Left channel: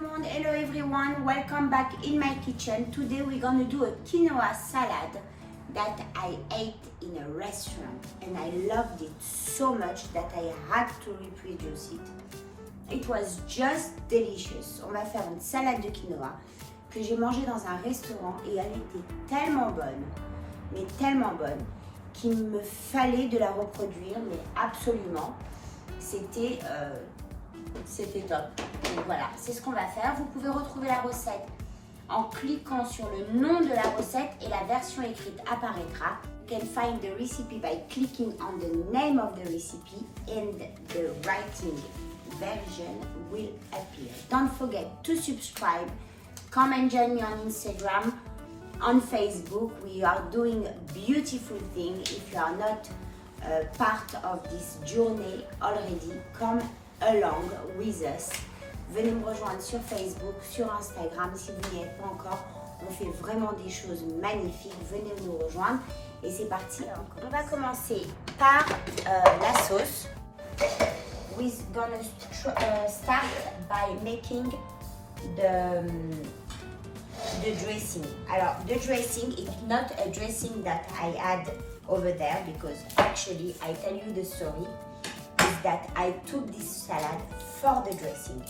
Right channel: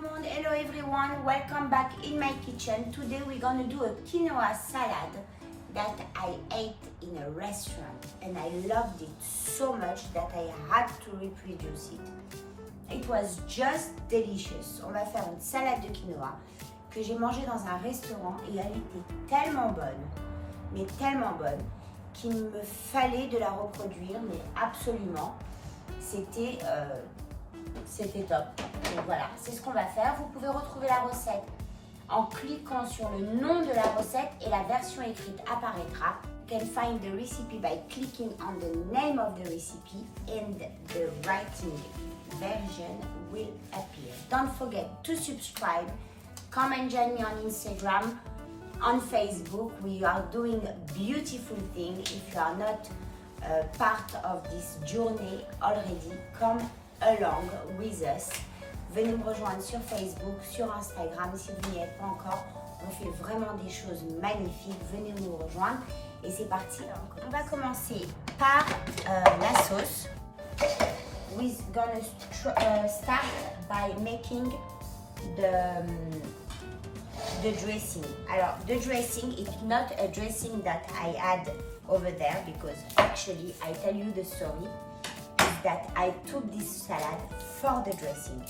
le monde, hello everyone, welcome back in my kitchen. Today we're gonna do a quinoa salad that I ate in a restaurant and I loved it so much that I had to reproduce it. It was just delicious. On va faire une salade de quinoa que j'ai mangée dans un restaurant et elle était tellement bonne, mais tellement bonne, qu'il me fallait de la reproduire, mais absolument. C'était top. Donc voilà, c'est ce qu'on va faire. Vous pouvez retrouver la recette en cliquant sur le nom de la recette et la version écrite apparaîtra. You can find the recipe by clicking on the name of the recipe and the writing version will appear. Don't forget to subscribe. Come and join me on Instagram, on Facebook. We are doing beautiful things. If you are not part of this journey already, come along with us. Venez me rejoindre sur Facebook, sur Instagram si vous n'y êtes pas encore. On fait vraiment des choses magnifiques. Venez nous rejoindre et c'est parti. On va commencer par la sauce. We're gonna start by making the dressing. Alors, the dressing is not a dressing that I add over there because actually I tell you the story is that I took this salad for the dressing.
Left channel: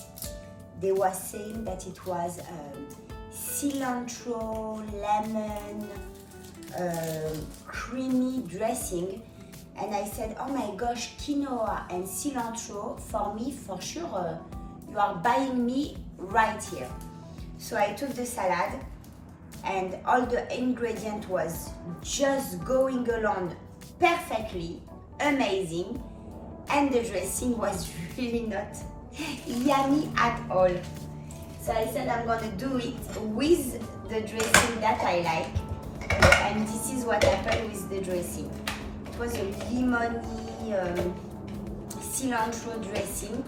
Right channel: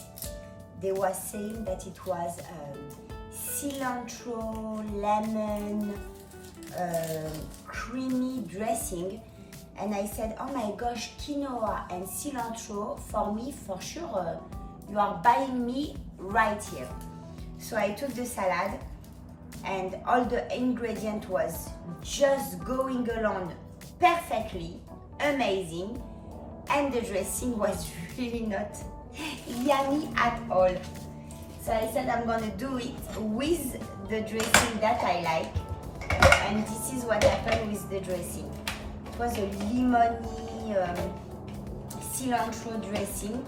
They were saying that it was cilantro, lemon, creamy dressing, and I said, oh my gosh, quinoa and cilantro, for me, for sure, you are buying me right here. So I took the salad and all the ingredient was just going along perfectly, amazing, and the dressing was really not yummy at all. So I said I'm gonna do it with the dressing that I like, and this is what happened with the dressing. It was a lemony cilantro dressing.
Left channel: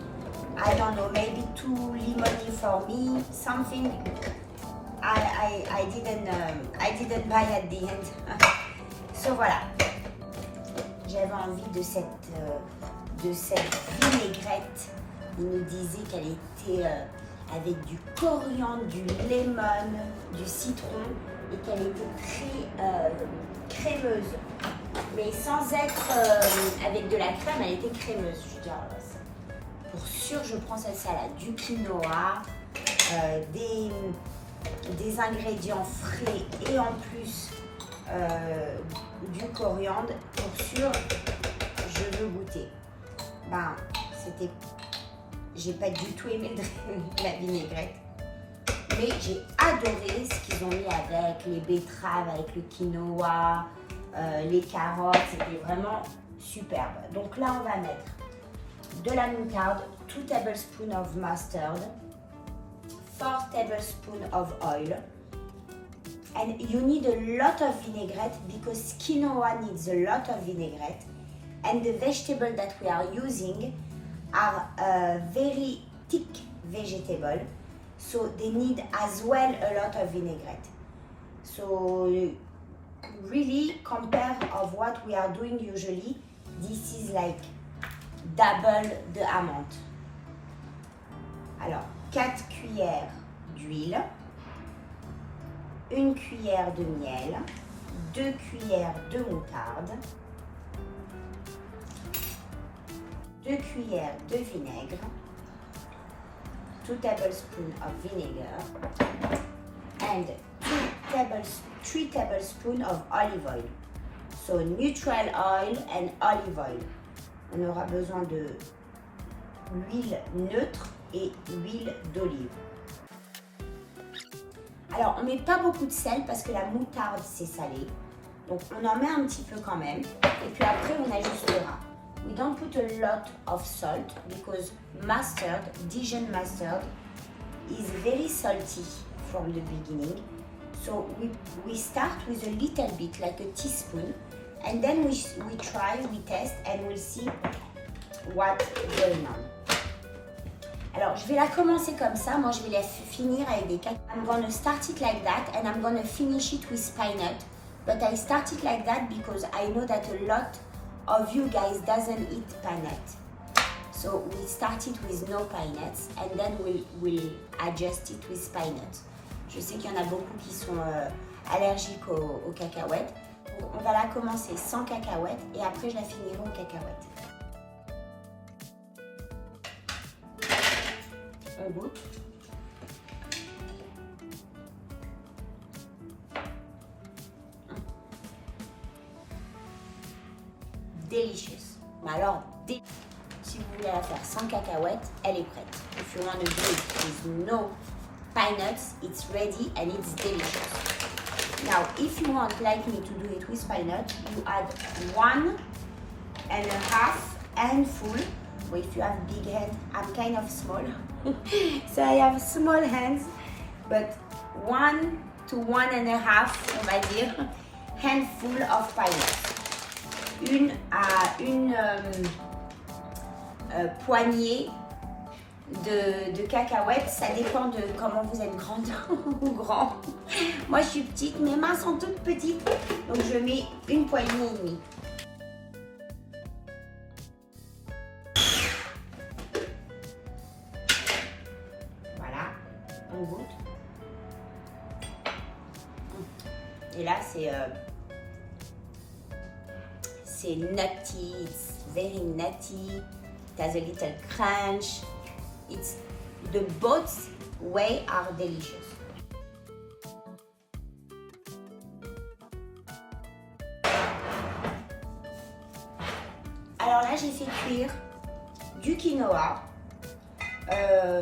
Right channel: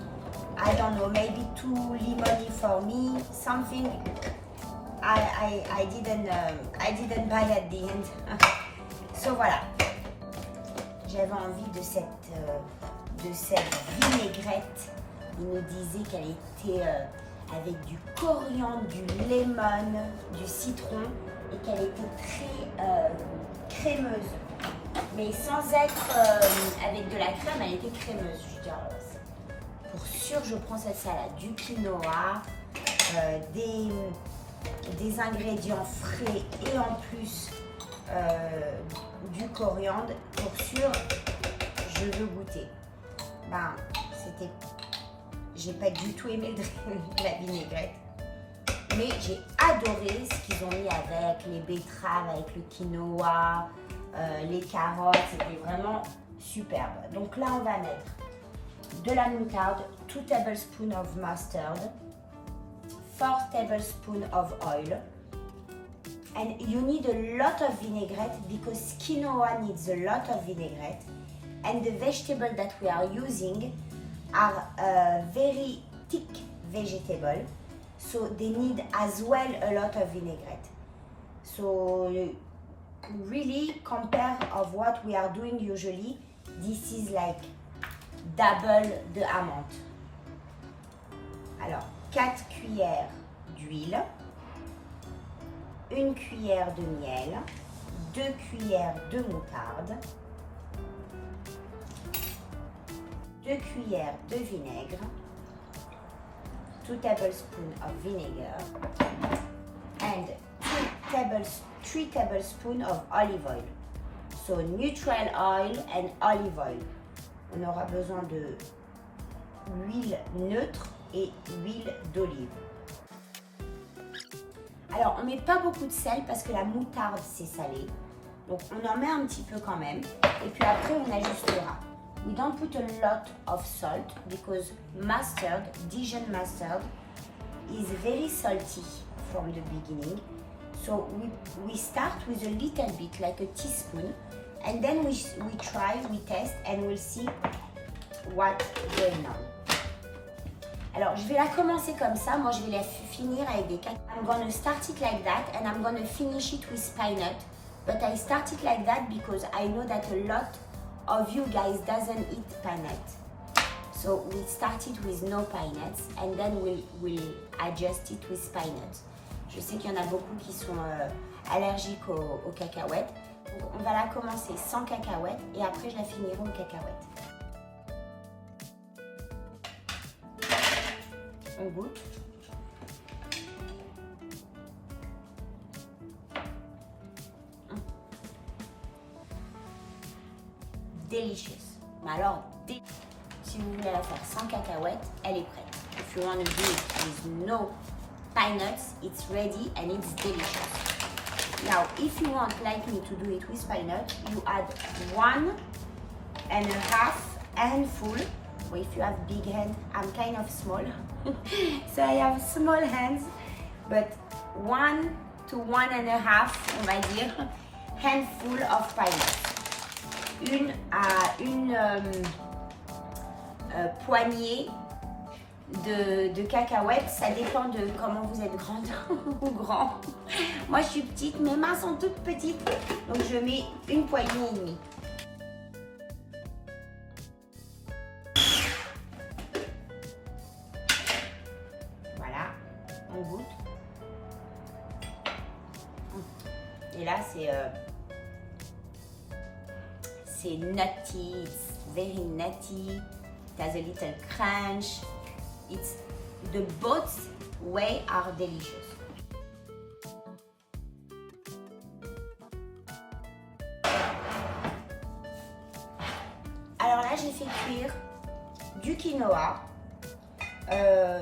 I don't know, maybe too lemony for me, something I didn't buy at the end. So voilà, j'avais envie de cette vinaigrette. Il nous disait qu'elle était avec du coriandre, du lemon, du citron et qu'elle était très crémeuse. Mais sans être avec de la crème, elle était crémeuse. Je veux dire, pour sûr, je prends cette salade, du quinoa, des ingrédients frais et en plus du coriandre. Pour sûr, je veux goûter. Ben, j'ai pas du tout aimé la vinaigrette, mais j'ai adoré ce qu'ils ont mis avec les betteraves, avec le quinoa, les carottes. C'était vraiment superbe. Donc là, on va mettre de la moutarde, 2 tablespoons of mustard, 4 tablespoons of oil, and you need a lot of vinaigrette because quinoa needs a lot of vinaigrette, and the vegetable that we are using are very thick vegetable, so they need as well a lot of vinaigrette. So really compare of what we are doing usually, this is like double the amount. Alors, 4 cuillères d'huile, 1 cuillère de miel, 2 cuillères de moutarde, 2 cuillères de vinaigre, 2 tablespoons of vinegar, and 3 tablespoons of olive oil. So neutral oil and olive oil. On aura besoin de l'huile neutre et l'huile d'olive. Alors, on ne met pas beaucoup de sel parce que la moutarde, c'est salé. Donc, on en met un petit peu quand même. Et puis après, on ajustera. We don't put a lot of salt because mustard, Dijon mustard, is very salty from the beginning. So we start with a little bit, like a teaspoon, and then we try, we test, and we'll see what's going on. Alors, je vais la commencer comme ça. Moi, je vais la finir avec des cacahuètes. I'm gonna start it like that, and I'm gonna finish it with pine nut. But I start it like that because I know that a lot of you guys doesn't eat pine nut. So we started with no pine nuts and then we'll adjust it with pine nuts. Je sais qu'il y en a beaucoup qui sont allergiques aux cacahuètes. On va la commencer sans cacahuètes et après je la finirai aux cacahuètes. On goûte. Delicious. Mais alors, si vous voulez la faire sans cacahuètes, elle est prête. If you want to do it with no pine nuts, it's ready and it's delicious. Now, if you want, like me, to do it with pine nuts, you add 1.5 handful. Well, if you have big hands, I'm kind of small, so I have small hands, but 1 to 1.5, on va dire, handful of pine nuts. Une poignée de cacahuètes, ça dépend de comment vous êtes grande ou grand. Moi je suis petite, mes mains sont toutes petites, donc je mets une poignée et demie. Voilà, on goûte. Et là c'est nutty, it's very nutty, it has a little crunch. It's the both way are delicious. Alors là j'ai fait cuire du quinoa.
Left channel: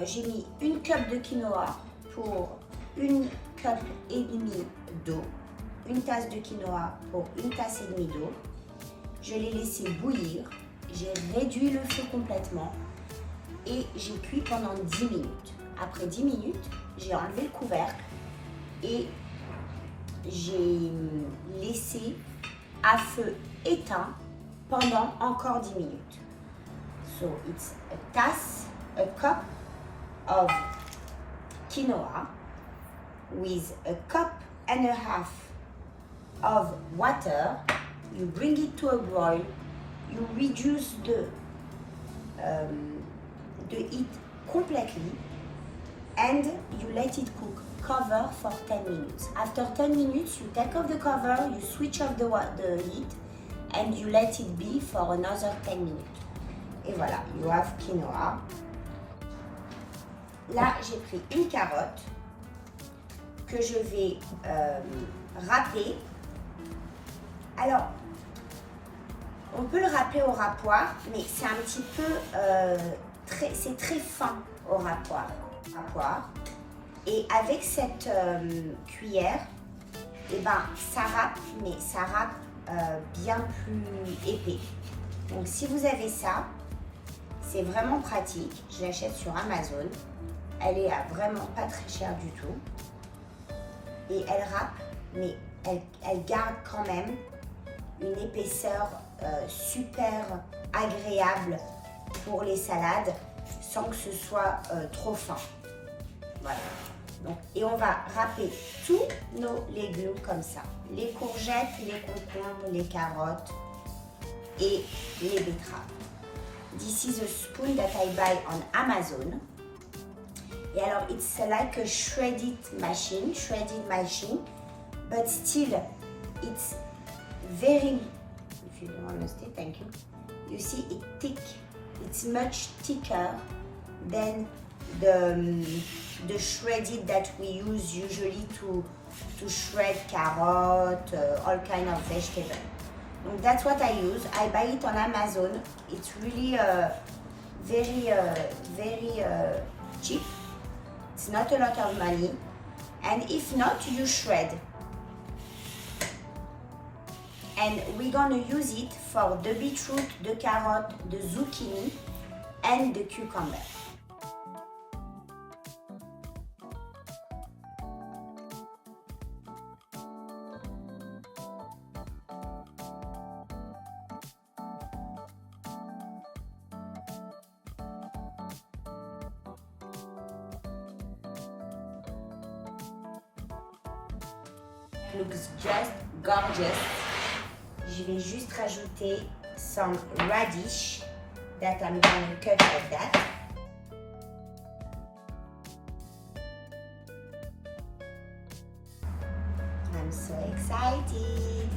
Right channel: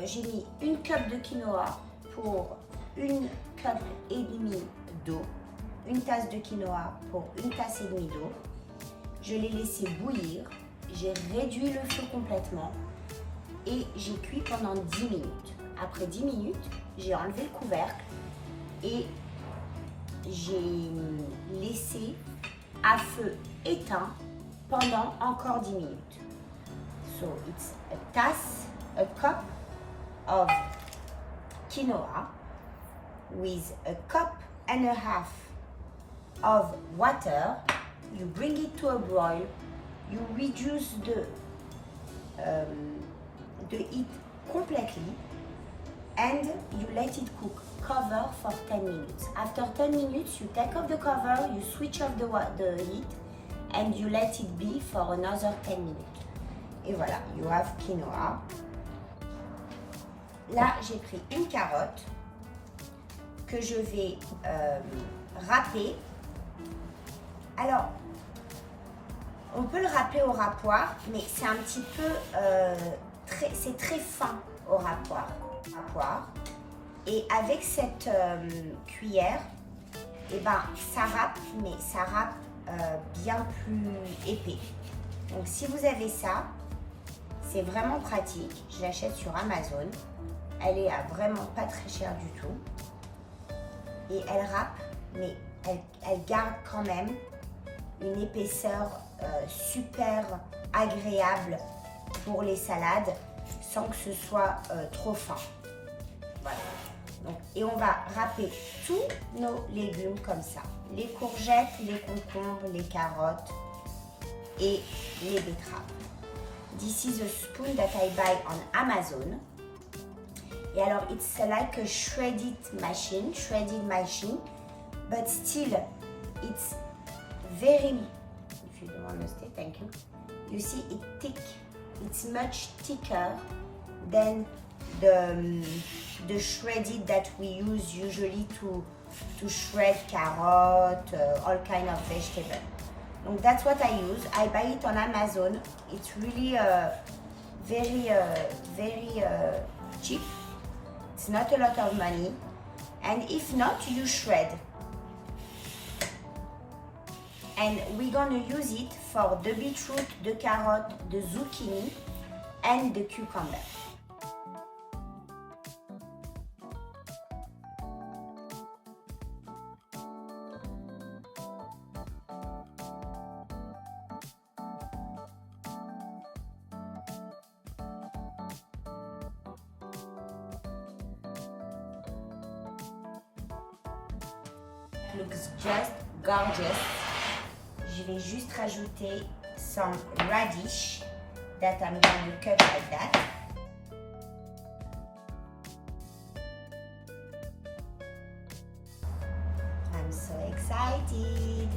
J'ai mis une cup de quinoa pour une cup et demie d'eau. Une tasse de quinoa pour une tasse et demie d'eau. Je l'ai laissé bouillir, j'ai réduit le feu complètement et j'ai cuit pendant 10 minutes. Après 10 minutes, j'ai enlevé le couvercle et j'ai laissé à feu éteint pendant encore 10 minutes. So it's a cup of quinoa with a cup and a half of water. You bring it to a boil, you reduce the heat completely and you let it cook. Cover for 10 minutes. After 10 minutes, you take off the cover, you switch off the heat and you let it be for another 10 minutes. Et voilà, you have quinoa. Là, j'ai pris une carotte que je vais râper. Alors, on peut le râper au râpoir, mais c'est un petit peu, c'est très fin au râpoir. Et avec cette cuillère, eh ben, ça râpe, mais ça râpe bien plus épais. Donc si vous avez ça, c'est vraiment pratique. Je l'achète sur Amazon. Elle est à vraiment pas très cher du tout. Et elle râpe, mais elle garde quand même une épaisseur super agréable pour les salades sans que ce soit trop fin. Voilà. Donc, et on va râper tous nos légumes comme ça. Les courgettes, les concombres, les carottes et les betteraves. This is a spoon that I buy on Amazon. Et alors, it's like a shredded machine, but still, it's very, if you don't want to stay, thank you. You see, it's thick. It's much thicker than the shredded that we use usually to shred carrot, all kind of vegetable. So that's what I use. I buy it on Amazon. It's really very cheap. It's not a lot of money. And if not, you shred. And we're gonna use it for the beetroot, the carrot, the zucchini, and the cucumber. Looks just gorgeous. Je vais juste rajouter some radish that I'm gonna cut like that. I'm so excited.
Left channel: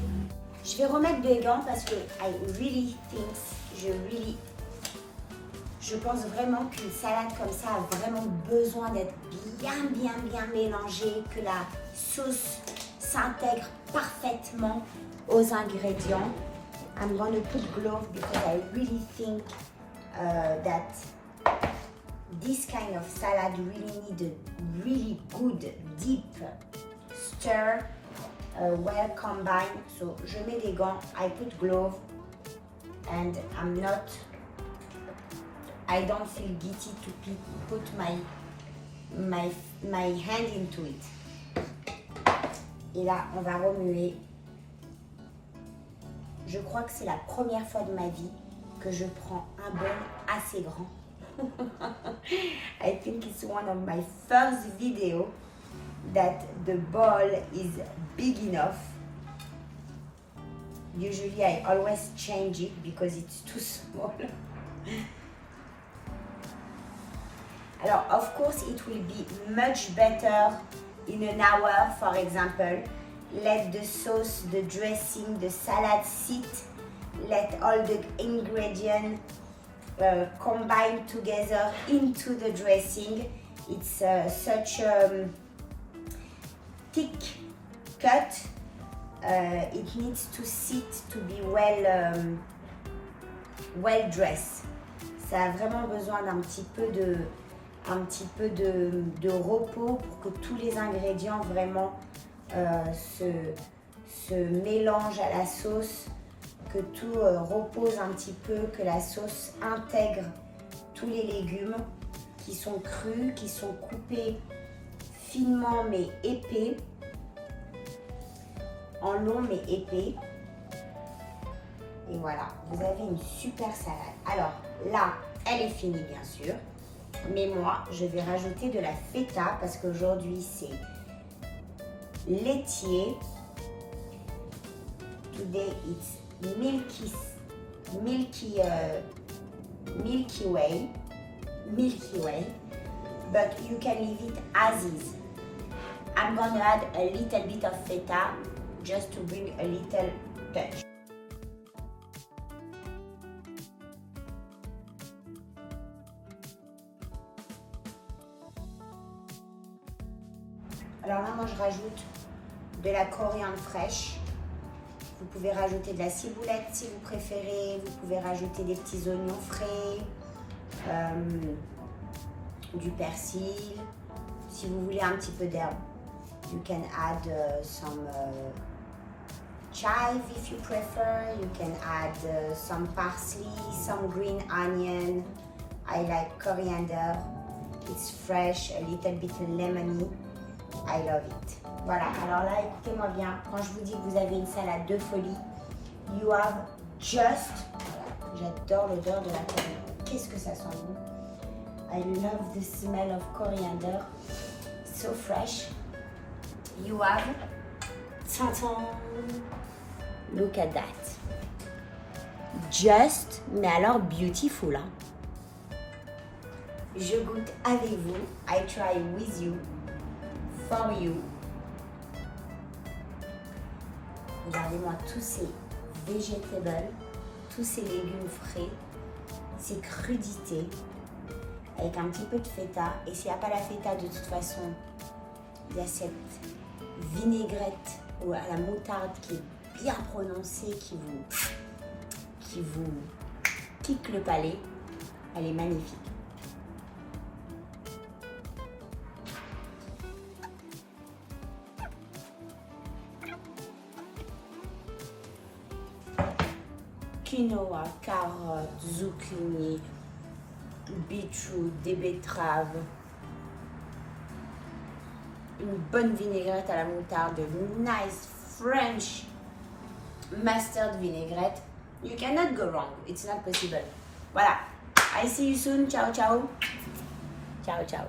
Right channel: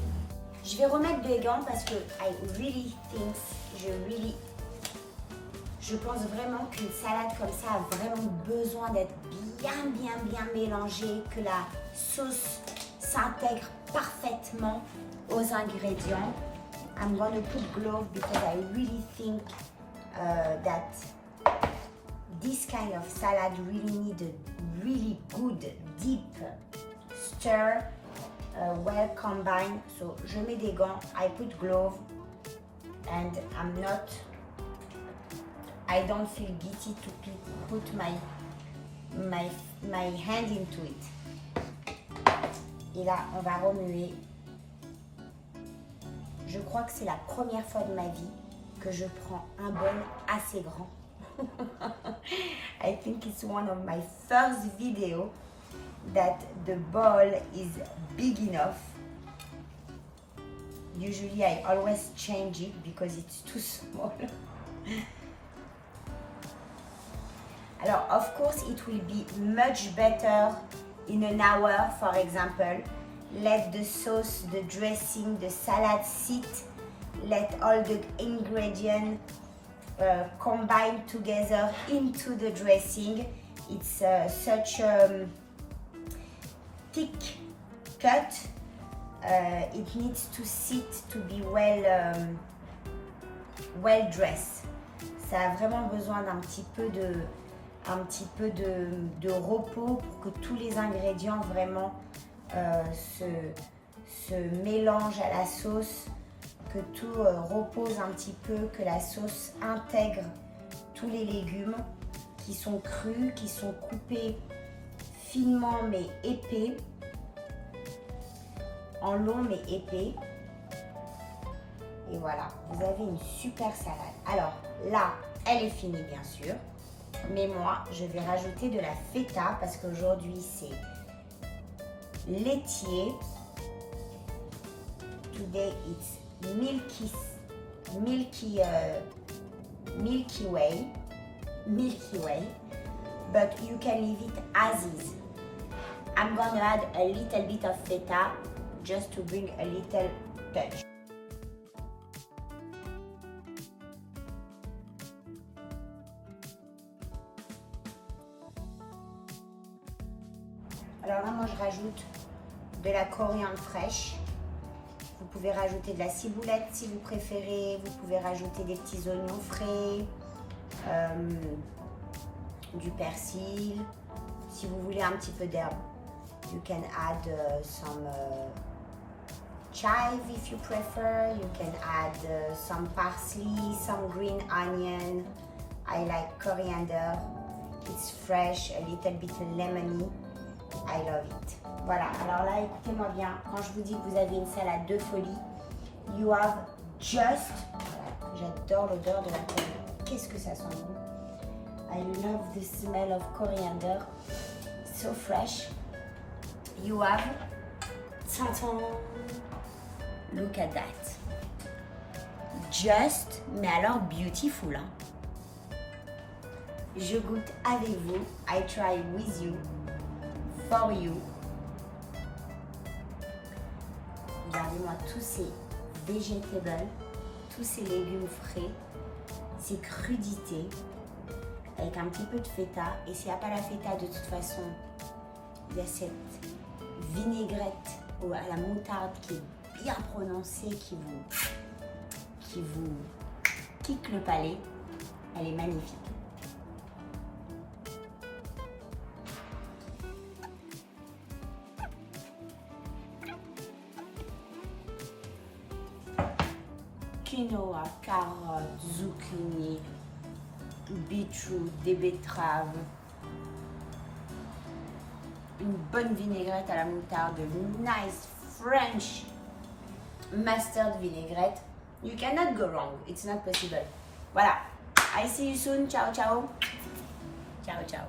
Je vais remettre des gants parce que I really think, je pense vraiment qu'une salade comme ça a vraiment besoin d'être bien mélangée, que la sauce s'intègre parfaitement aux ingrédients. I'm going to put gloves because I really think that this kind of salad really need a really good deep stir, well combined. So je mets des gants, I put gloves, and I don't feel guilty to put my hand into it. Et là, on va remuer. Je crois que c'est la première fois de ma vie que je prends un bol assez grand. I think it's one of my first video that the bowl is big enough. Usually I always change it because it's too small. Alors, of course, it will be much better in an hour, for example. Let the sauce, the dressing, the salad sit. Let all the ingredients combine together into the dressing. It's such a thick cut. It needs to sit to be well dressed. Ça a vraiment besoin d'un petit peu de repos pour que tous les ingrédients vraiment se mélangent à la sauce, que tout repose un petit peu, que la sauce intègre tous les légumes qui sont crus, qui sont coupés finement mais épais, en long mais épais. Et voilà, vous avez une super salade. Alors là, elle est finie bien sûr. Mais moi, je vais rajouter de la feta parce qu'aujourd'hui, c'est laitier. Today, it's milky way. But you can leave it as is. I'm gonna add a little bit of feta just to bring a little touch. Alors là, moi, je rajoute de la coriandre fraîche. Vous pouvez rajouter de la ciboulette si vous préférez. Vous pouvez rajouter des petits oignons frais, du persil. Si vous voulez un petit peu d'herbe, you can add some chive if you prefer. You can add some parsley, some green onion. I like coriander. It's fresh, a little bit lemony. I love it. Voilà, alors là, écoutez-moi bien, quand je vous dis que vous avez une salade de folie, you have just, j'adore l'odeur de la coriandre, qu'est-ce que ça sent bon. I love the smell of coriander, so fresh. You have, look at that. Just, mais alors beautiful, hein. Je goûte avec vous, I try with you. For you. Regardez-moi tous ces vegetables, tous ces légumes frais, ces crudités, avec un petit peu de feta. Et s'il n'y a pas la feta, de toute façon, il y a cette vinaigrette ou à la moutarde qui est bien prononcée, qui vous pique le palais. Elle est magnifique. Quinoa, carottes, zucchini, beetroot, des betteraves, une bonne vinaigrette à la moutarde, nice French mustard vinaigrette. You cannot go wrong. It's not possible. Voilà. I see you soon. Ciao, ciao. Ciao, ciao.